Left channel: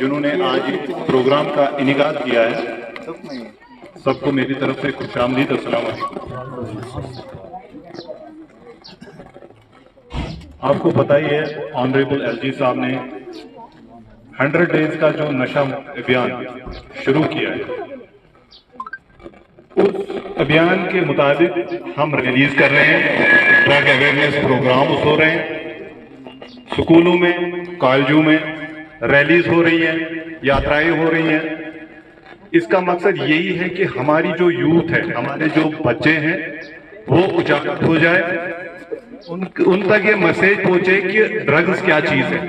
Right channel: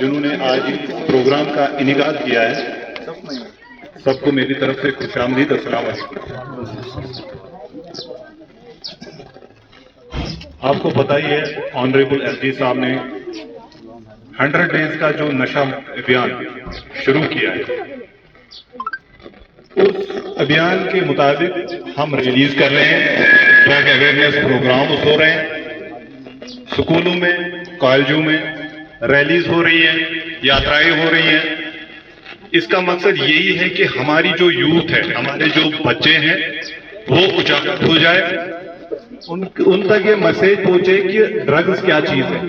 जिन्होंने आज प्रोग्राम का इनेकाद किया है, सबको मेरी तरफ से खुशामदीद अस्सलाम वालेकुम। आपको पता ही है, ऑनरेबल एसडी साहब ने 100 डेज का जो नशा अभियान शुरू किया है, उस अभियान के मुताबिक हम रिलीज कर रहे हैं। ड्रग अवेयरनेस प्रोग्राम हो रहे हैं, स्कूलों में, कॉलेजों में रैलीज हो रही हैं, यात्राएं हो रही हैं। इसका मकसद यही है कि हमारी जो यूथ है, हमारे जो बच्चे हैं, वो उजागर हो जाए, उन तक ये मैसेज पहुंचे कि ड्रग्स क्या चीज है।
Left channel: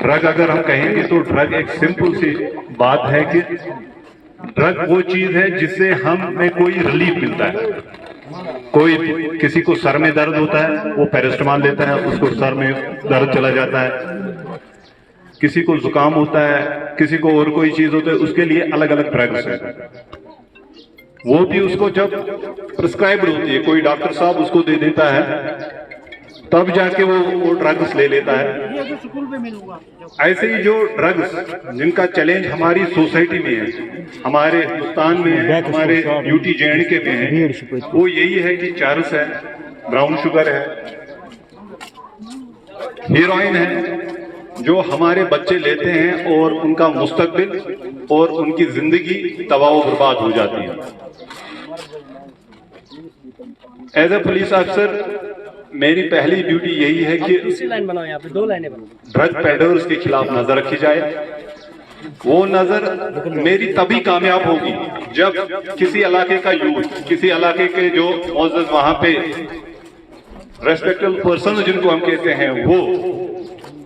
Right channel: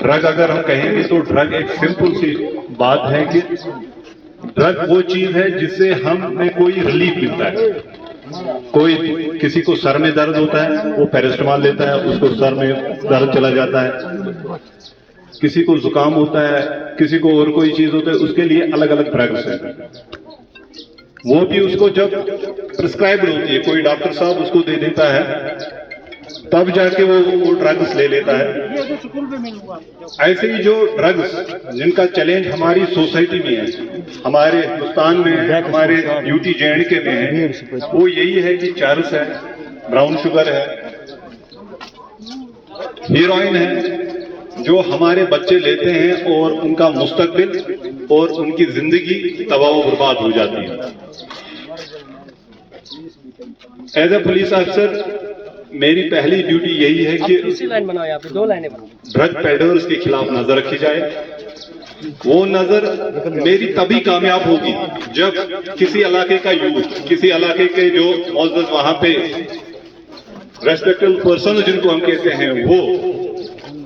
ड्रग अगर हम कहेंगे तो ड्रग एक सिंपल सी बात है कि ड्रग वो चीज है जिससे हमें कोई रिलीफ मिलता है। कोई किसी को सर में दर्द होता है, वो पैरास्टामोल लेता है, उसको सर में दर्द चला जाता है। किसी को जुकाम होता है, किसी को और कोई चीज होता है, उसके लिए अलग अलग ड्रग्स है। वो भी उसको जब प्रिस्क्राइब्ड होती है, कोई डॉक्टर साहब उसको दे देता है, तब जाके वो ड्रग्स ले लेता है। ऐसे ही जो ड्रग्स जिनका चैलेंज हमारी सोसाइटी में है, हमारे हिंदुस्तान में, हमारे यूटी JNK में है, वो यही है कि चरस है, ब्राउन शुगर है, हीरोइन है, जो हमारे बच्चे लेते हैं और उनका मुस्तकबिल और उनकी जिंदगी तबाह व बर्बाद हो जाती है। एज ए पुलिस ऑफिसर मेरी पहली ड्यूटी यही है कि ड्रग पेडलर्स के खिलाफ नजर रखी जाए। वो नजर मेरी तभी कामयाब होगी जब किसी इलाके का यूथ, किसी इलाके के जो मौजूद वहां पे रेस्पेक्टेबल पर्सन जिनको हम कहते हैं, वो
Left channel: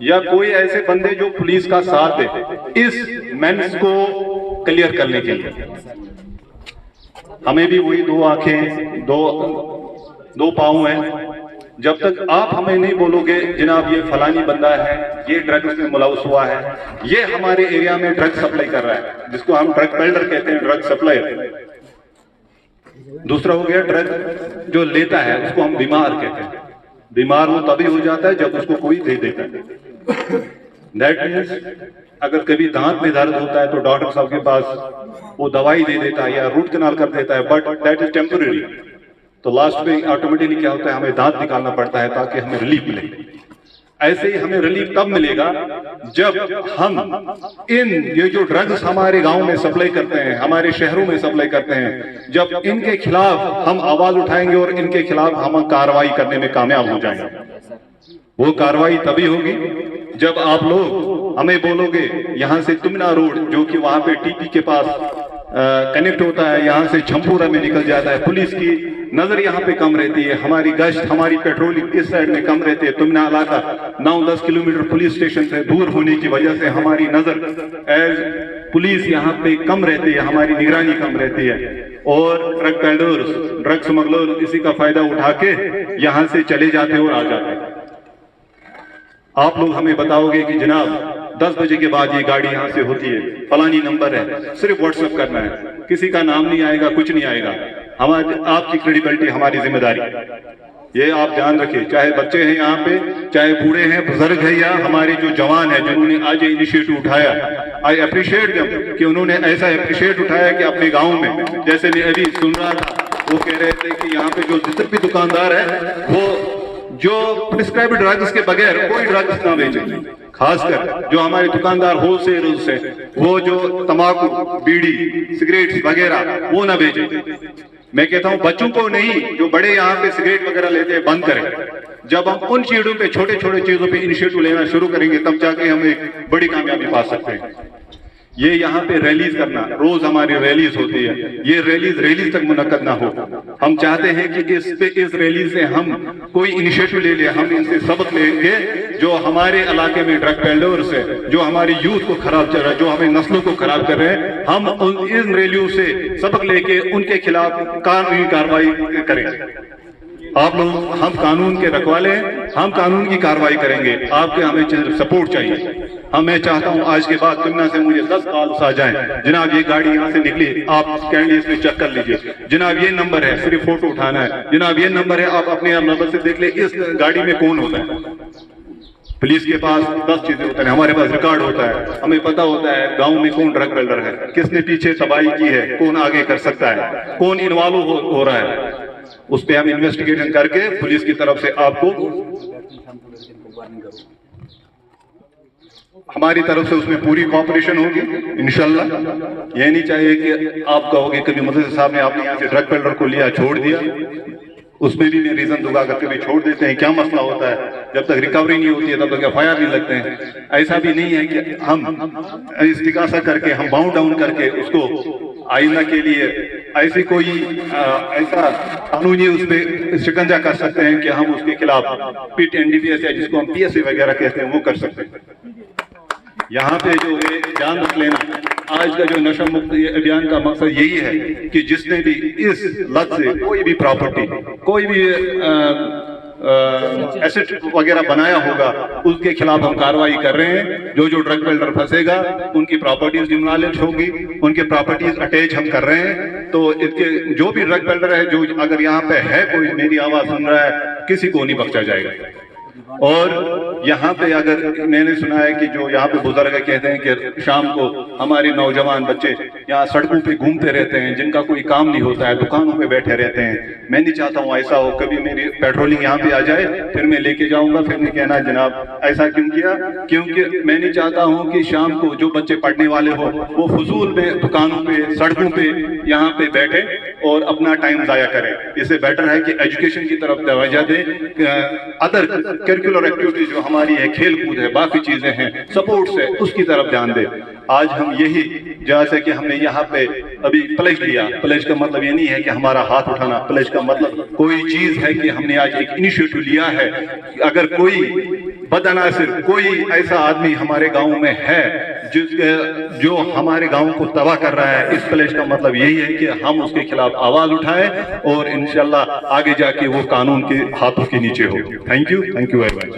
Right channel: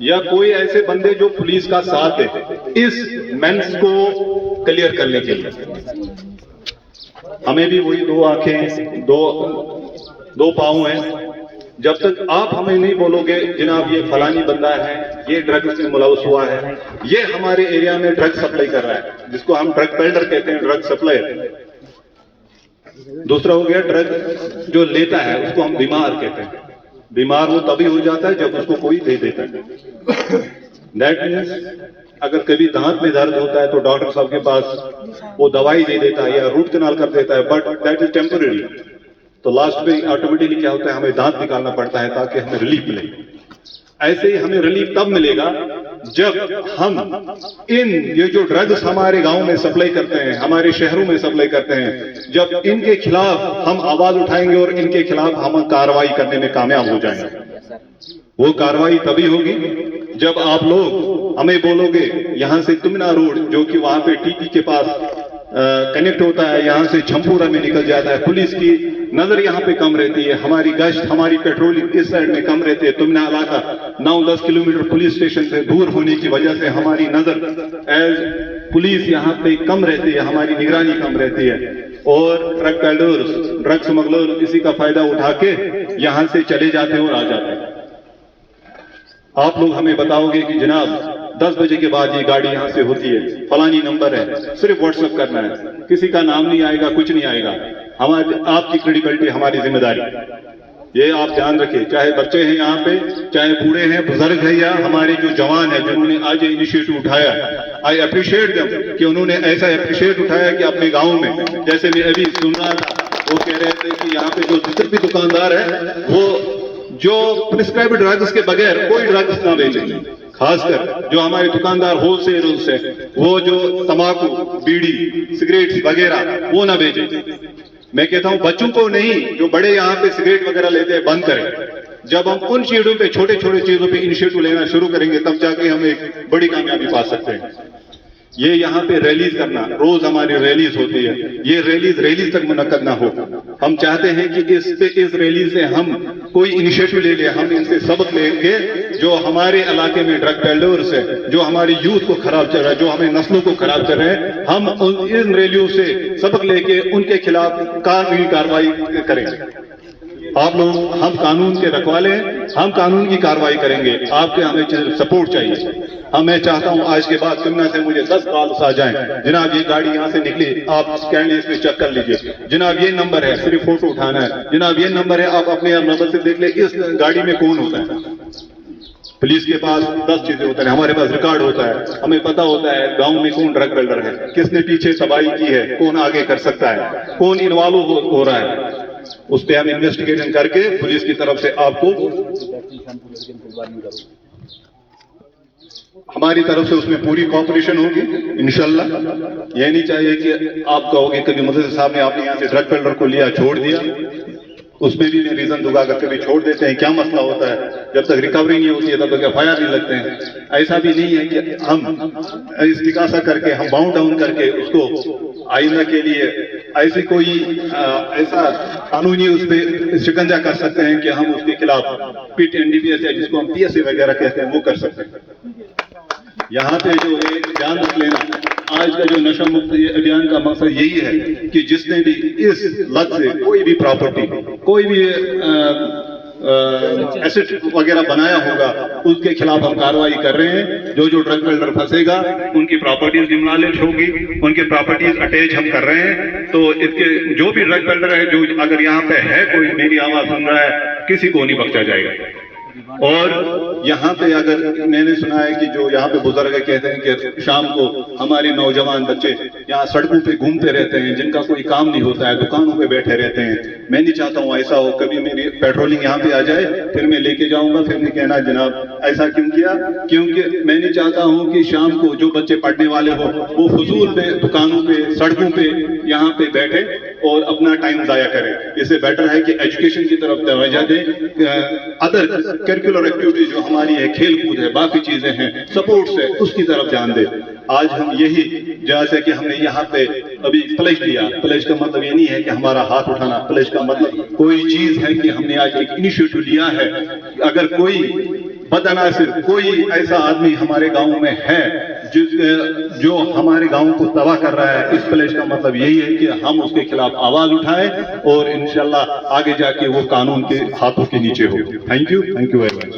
या कोई ऐसे बंदे जो पुलिस का साथ दे इस मेंस को क्लियर करने के लिए। हमें भी वही दो आंखें, दो पांव हैं। जब तक आप हमें नहीं बोलोगे जनाब ये फलानी बंदा है, ये ड्रग्स में मुलव्वस हुआ है, ये हमारे एरिया में ड्रग सप्लाई कर रहा है, जिसको हम ड्रग पेडलर कहते हैं, ड्रग सप्लायर। दूसरा हो गया ड्रग जो लेता है, उसको हम बीमार कहते हैं। बीमार वो तभी हो जाता है जब उसको कोई दे देता है। दैट मीन्स अगर कभी दांत में दर्द होता है तो डॉक्टर साहब के पास वो दवाई दे देता है या रूट कैनाल कर देता है, बट दैट इज टेम्पररी। तो लास्ट में ऑटोमेटिकली क्या होता है, हमें दांत निकालना पड़ता है ताकि हमें रिलीफ मिले। ऐसे ही हमें रिलीफ तब मिलेगा जब हम ये जो ड्रग्स हमारे गांव में सप्लाई करते हैं, हमारे शहरों में सप्लाई करते हैं, जब इनके खिलाफ हम आवाज उठाएंगे और इनके खिलाफ हम कार्रवाई करने में कामयाब हो जाएंगे। वो कार्रवाई तभी होगी जब आप लोग हमें बोलोगे यहाँ से तुमना रोड, जो कि वहां पे TP के पास कनेक्ट होता है, यहाँ से छमपुरा में निकल जाता है, पुलिस की नजर यहाँ पे कम रहती है, हमारी गश्त, हमारी पेट्रोलिंग इस साइड में कम रहती है। तुमना इलाका 9-10 किलोमीटर पुलिस स्टेशन से दूर होने की वजह से हमारी नजर एज पुलिस यहाँ पे कम रहती है, हमारी निगरानी कम रहती है। और ड्रग पेडलर्स, ड्रग स्मगलर इसी का फायदा उठा के यहाँ से चले जाते हैं और आ जाते हैं। आप लोग हमें बताओगे कि जनाब 10 बजे के बाद ये गाड़ी यहाँ से होती है, फलानी नंबर है, सिर्फ व्हाट्सएप करना है, किसी का नाम नहीं आएगा, कुछ नहीं आएगा। हमारी आपकी क्रेडिबिलिटी हमारी जिम्मेदारी, ये आप ध्यान रखें। चाहे बच्चे हैं यहाँ पे, चाहे बूढ़े हैं, बुजुर्ग है, या हमारे जो जवान है जिन्होंने आज ये इनिशिएटिव उठाया, आई अप्रिशिएट देम कि उन्होंने ऐसा अप्रिशिएट उठाया कि अपने गाँव में, जैसे मैं अभी सुन रहा था, वो कह रहे थे कि यहाँ पे जो जितने भी दुकानदार है वो जो प्रिस्क्राइब्ड ड्रग्स के बगैर कोई ड्रग्स ना बेचे, खासकर जो हमारे दुकानदार होलसेल से, वो जो तंबाकू, बीड़ी, सिगरेट वगैरह वो ना बेचे। मैं कहता हूं बच्चों को नहीं, जो बड़े यहाँ पे सिगरेट वगैरह लेते हैं बंद करें। जब हम उन चीजों पे, छोटे छोटे चीजों पे इनिशिएटिव लेना शुरू करेंगे, तब जाके हम एक बड़ी कामयाबी पा सकते हैं। ये यहाँ पे रैलीज करना, रोज हमारी रैलीज होती है, ये रैलीज तक मुनक्कद ना हो। हम चाहते हैं कि इस रैली से हम कोई इनिशिएटिव ले ले, हम इनसे सबक लेंगे जो हमारे इलाके में ड्रग पेडलर्स है, जो हमारे यूथ को खराब कर रहा है, जो हमें नस्लों को खराब कर रहे हैं, हम इन रैलियों से सबक लेके उनके खिलाफ कानूनी कार्रवाई करेंगे। आप लोग, हम कानून के रखवाले हैं, हम कानून की कार्रवाई करेंगे, आपके हमें सपोर्ट चाहिए। मैं चाहता हूं आज के बाद तुमना से मुझे 10 कॉल्स आ जाएं, जनाब ये गाड़ी यहाँ से निकली, आप कैंडली इसमें चेक कर लीजिए, जनाब ये नंबर है, सिर्फ फोटो उठाना है, जनाब ये नंबर है, आप अपने नंबर से देख ले इस गाड़ी में कौन होता है। पुलिस के पास 10 चीजें होती हैं, हमारे पास रिकॉर्ड होता है, हमें पता होता है गांव में कौन ड्रग पेडलर है, किसने पीछे तबाही की है, कौन आगे कर सकता है, कौन इन्वॉल्व हो रहा है। उस पर हम इन्वेस्टिगेशन करके पुलिस की तरफ से आपको हमारी तरफ से उसमें पूरी कोऑपरेशन होगी इंशाल्लाह। ये नहीं चाहिए कि आप कहोगे कभी मुझे साहब ने आपने यहाँ से ड्रग पेडलर को लिया छोड़ दिया, उसमें भी मैं रीजन दूंगा अगर कभी छोड़ देते हैं क्या मसला होता है, जब तक रिकवरी नहीं होती है तब तक एफआईआर नहीं लगते हैं। ऐसा भी नहीं है कि हम इस्तिकासा करके हम बाउंड डाउन करके उसको आइंदा के लिए ऐसी कोई ऐसा कानूनी उस पर शिकंजा कर सकते हैं कि हम उसके खिलाफ पिट एनडीपीएस है जिसको हम पीएसए वगैरह कहते हैं वो कर सकते हैं। यहाँ पे जो है ध्यान रख लेना, आज का जो नशा मुक्त अभियान का मकसद यही है कि जिसने भी इस लत से कोई भी प्रॉपर्टी कोई भी एसेट वगैरह बनाया होगा उसके खिलाफ हम कार्रवाई कर रहे हैं। जो जो ड्रग पेडलर फंसेगा उनकी प्रॉपर्टीज डिमोलिश होगी, उनकी प्रॉपर्टीज अटैच हम कर रहे हैं। तो इसके जो भी ड्रग पेडलर है जो अगर यहाँ पे है कोई मेरी आवाज सुन रहा है किसी को नहीं बख्शा जाएगा। और यहाँ पे अगर मैंने सुना है कि जो यहाँ पे बुजुर्ग कहते हैं कि शाम को हमारे नौजवान बच्चे यहाँ सड़कों पे घूमते रहते हैं, जिनका कोई काम नहीं होता है, दुकानों पे बैठे रहते हैं। मैं नहीं चाहता हूँ ऐसा हो, कभी मेरी पेट्रोलिंग यहाँ पे आ जाए फिर मैं लेके जाऊंगा, फिर नहीं कहना जनाब ऐसा क्यों किया, क्योंकि मैं नहीं चाहता हूँ कि शाम को जो बच्चे पढ़ने वाले हो वो फजूल में दुकानों पे सड़कों पे यहाँ पे बैठे और अपना टाइम जाया करें। इससे बेटर है कि एजुकेशन की तरफ तवज्जो दें, अदर करिकुलर एक्टिविटीज जो हमारी है, खेल कूद है, बाकी चीजें हैं, स्पोर्ट्स है, उसकी तरफ ध्यान दें। आज हम यही जैसे कि हमने यहाँ पे अभी प्लेज लिया, प्लेज का मतलब ये नहीं है कि हमारा हाथ उठाना, प्लेज का मतलब कोई चीज है कि हमने आज एक इनिशिएटिव लिया है। अगर कोई बदनासिर कोई ऐसा आदमी हमारे गांव में है जो हमारे गांव को तबाह कर रहा है, इस प्लेज का मतलब यही है कि हम उसके खिलाफ आवाज उठाएं और इंशाल्लाह आगे जाके वो कानून के हाथों के नीचे हो। Thank you very much.